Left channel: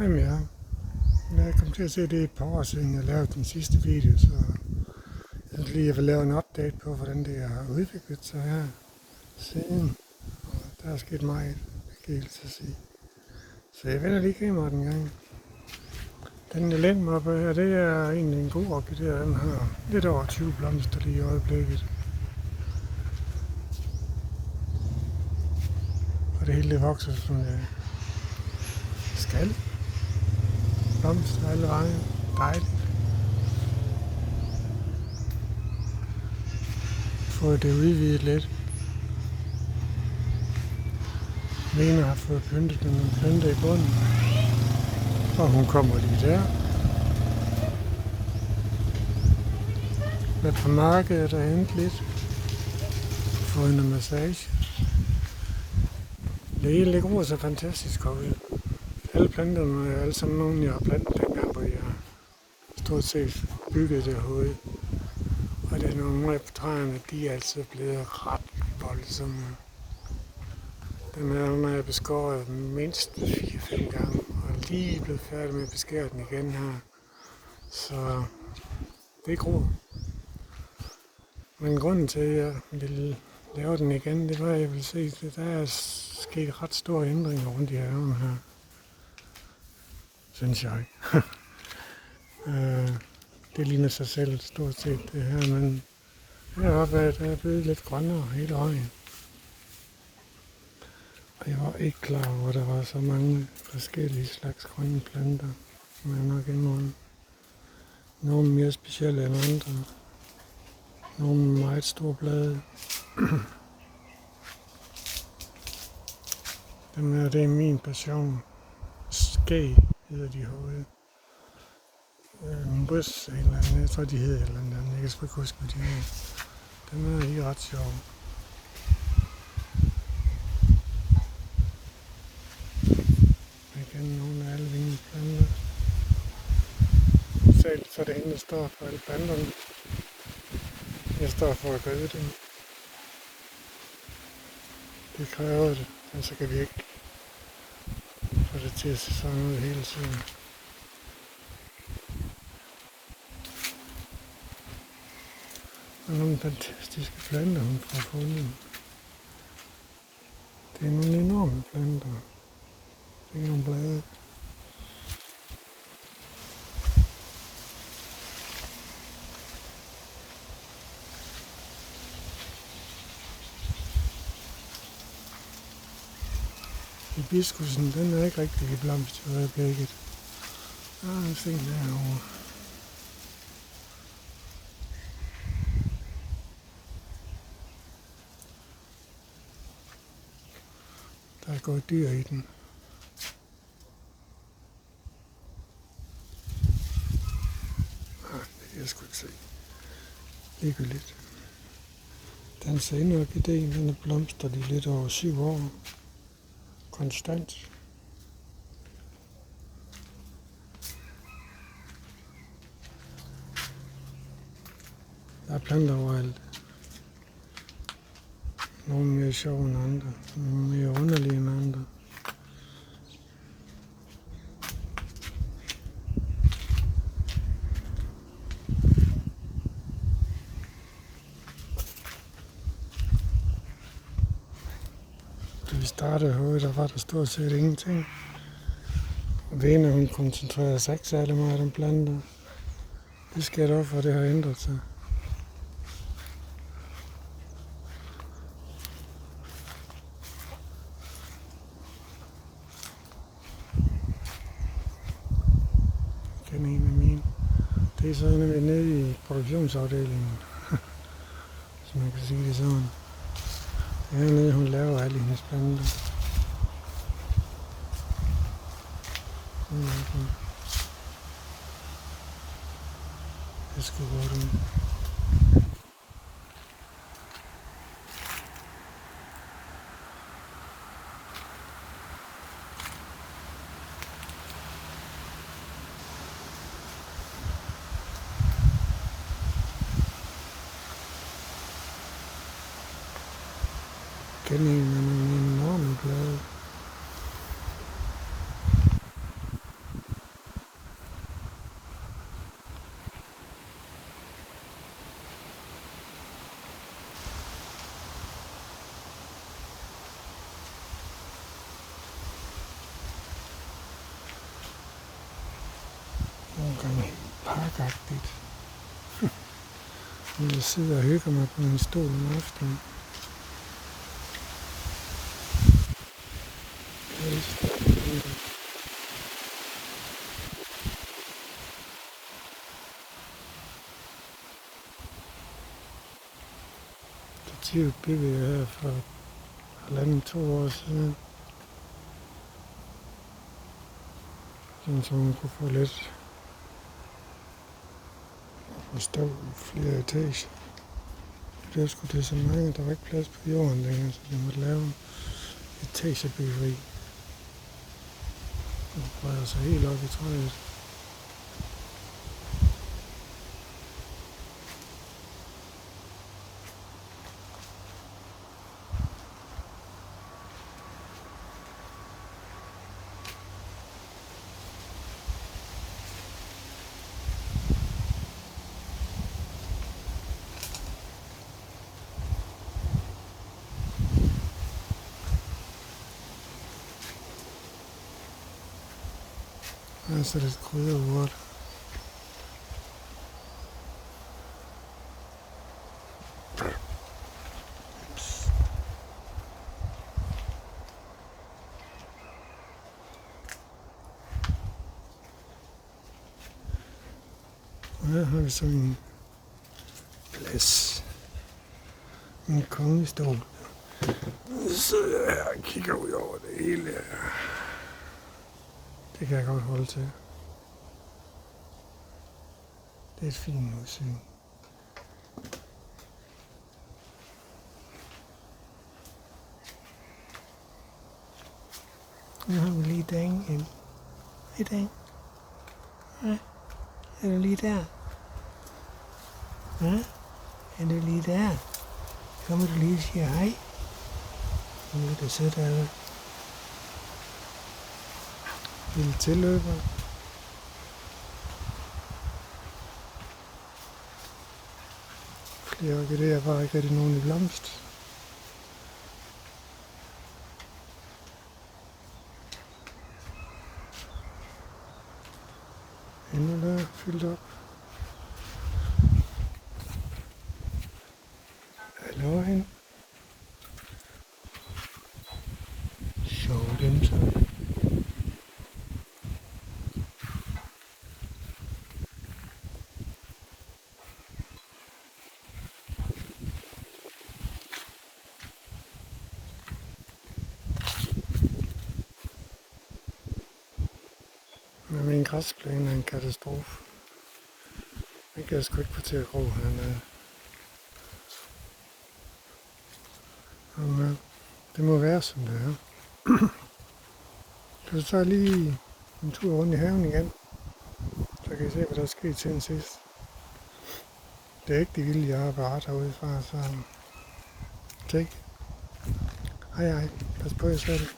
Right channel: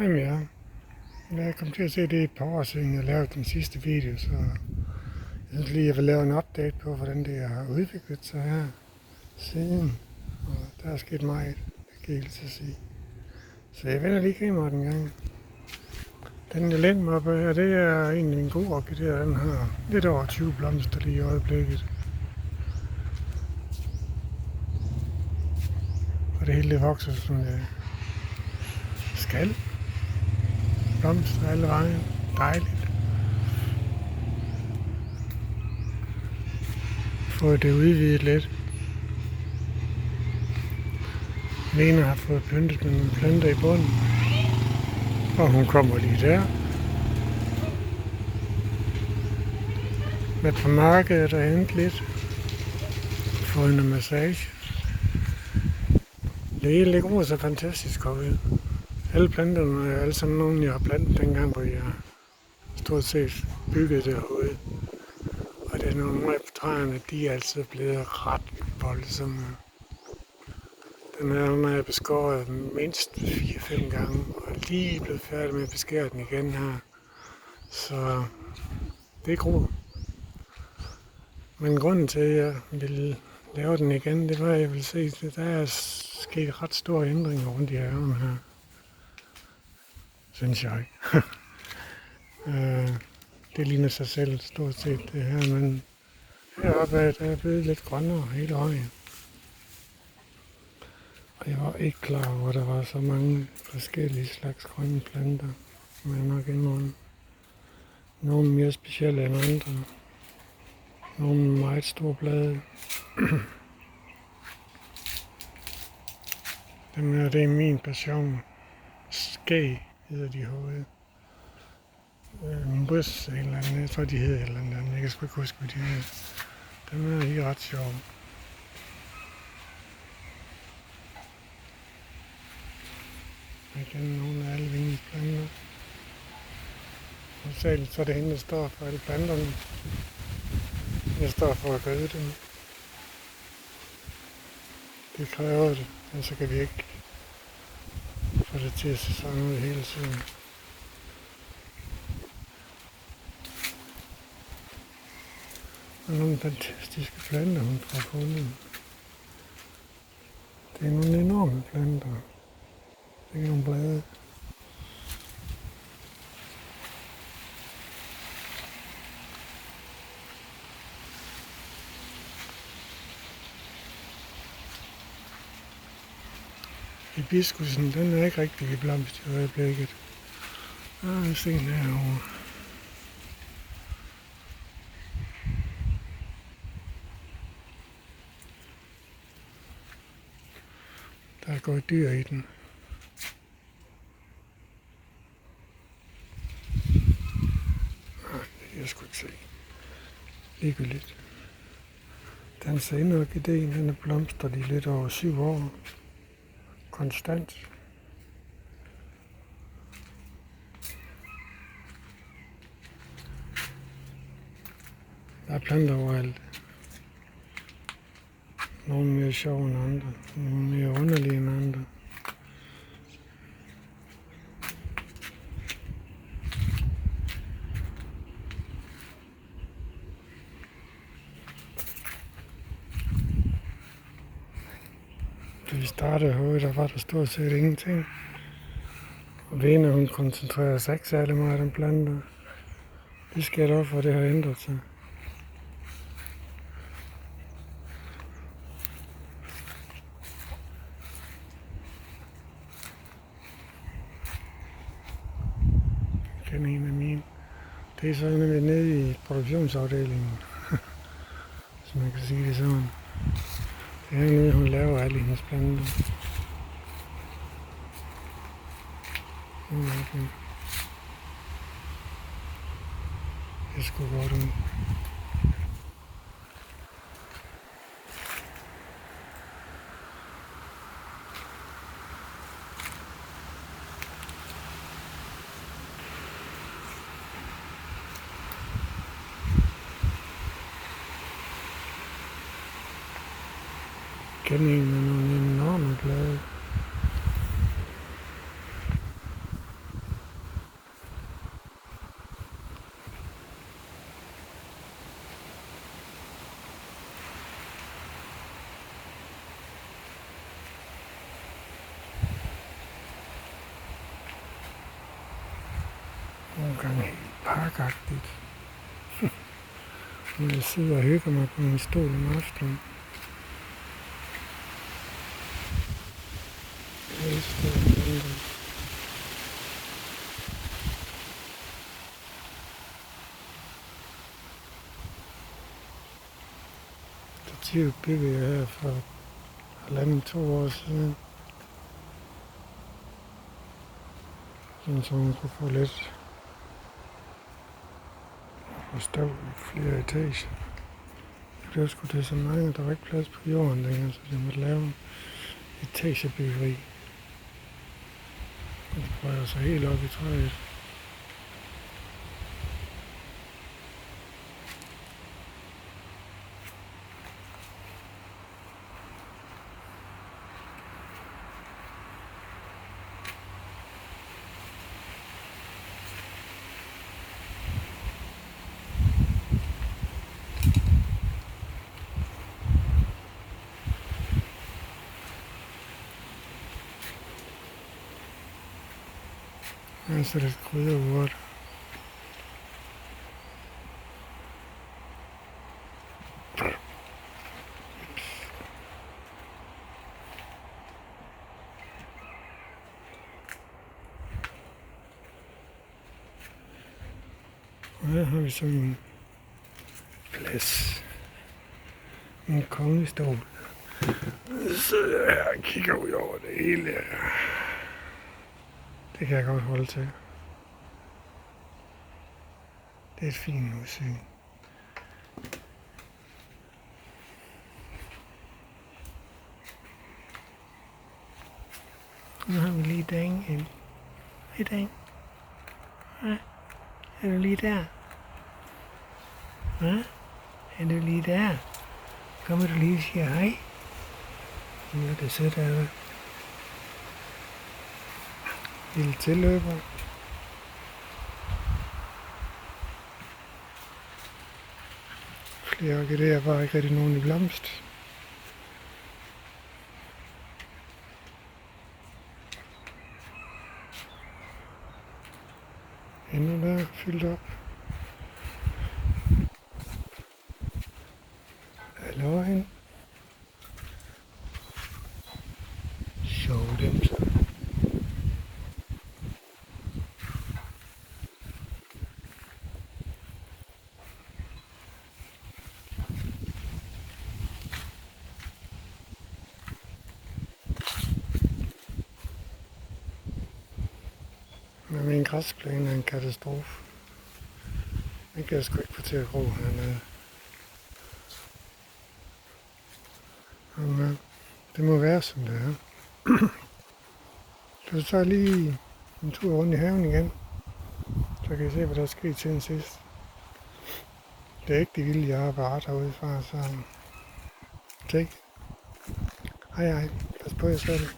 Jamen ja, jeg kom til at se det et par år siden, jeg lavede den sidste video, så jeg synes lige, jeg vil lave en update på, hvordan det har udviklet sig her siden. Og der er sket meget, det kan jeg helt til sige. Så jeg vender lige kameraet en gang. Den jeg læner mig op her, det er egentlig en god orkidé. Den har lidt over 20 blomster lige i øjeblikket. Og det hele det vokser som det skal. Blomster alle vejen. Dejligt. Fået det udvidet lidt. Lena har fået pyntet med nogle planter i bunden. Og hun kommer lige der. Med på markedet og hente lidt. Fået en massage. Det hele gror så fantastisk ud. Alle planterne er alle sammen nogle, jeg har plantet dengang, hvor jeg stort set byggede det herude. Og det er nogle af træerne, de er altid blevet ret voldsomme. Den her, når jeg beskåret mindst 4-5 gange, og lige blevet færdig med at beskære den igen her. Så det gror. Men grunden til, at jeg ville lave den igen, det var, at jeg ville se, at der er sket ret store ændringer rundt i haven her. Synes jeg. Det ligner sig selv stort set det her, men heroppe er det blevet lidt grønnere hele vejen. Og jeg var ikke klar over, at der var så mange forskellige slags grønne planter. Men nok indrømme. Nogle mere specielle end andre. Nogle med meget store blade. Dem her, det er min passion. Skæg hedder de herude. Bus eller andet, jeg tror de hedder eller andet. Jeg kan sgu ikke huske, hvad de hedder. Dem er lige ret sjove. Igen nogle af alle vingeplanter. Særligt så er det hende, der står for alle planterne. Jeg står for at gøde dem. Det kræver det, men så kan vi ikke få det til at se sådan ud hele tiden. Og nogle fantastiske planter, hun får fundet. Det er nogle enorme planter. Det er nogle blade. Hibiskusen, den er ikke rigtig i blomst i øjeblikket. Se herovre. Der er gået dyr i den. Det kan jeg sgu ikke se. Ligegyldigt. Den senere orkideen, den er blomstret i lidt over 7 år. Konstant. Der er planter overalt. Nogle mere sjove end andre. Nogle mere underlige end andre. Da vi startede herude, der var der stort set ingenting. Og Vene, hun koncentrerer sig ikke særlig meget om planter. Det sker dog, for det har ændret sig. Jeg kender en af mine. Det er så nede i produktionsafdelingen. Hvis man kan sige det sådan. Det er hernede, hun laver alle hendes planter. Det er sgu godt ud. Igen en med nogle enorme blade. gang parkagtigt. Jeg sidder og hygger mig på min stol om aftenen. Jeg elsker planter. Stativet byggede jeg her for 1,5-2 år siden. Sådan så man kunne få lidt forstå flere etager. Det blev sgu til så mange, der var ikke plads på jorden længere, så jeg måtte lave en etagebyggeri. Og breder sig helt op i træet. Her er så lidt krydderurt. Og her har vi så min plads. Min kongestol. Så sidder jeg her og kigger ud over det hele. Det kan jeg godt holde til. Det er et fint udsyn. Nu har vi lige Dan ind. Hej Dan. Hej. Er du lige der? Hva? Er du lige der? Kommer du lige og siger hej? Nu er det sødt af dig. Lille tilløber. Flere orkideer, bare ikke rigtig nogen i blomst. Endnu der, fyldt op. Hallo hen. Sjov dem så. Men min græsplæne er en katastrofe. Den kan jeg sgu ikke få til at gro hernede. Men det må være som det er. Så tager lige en tur rundt i haven igen. Så kan I se, hvad der er sket siden sidst. Det er ikke de vilde, jeg har bare derude fra, så take. Hej hej, pas på jer selv.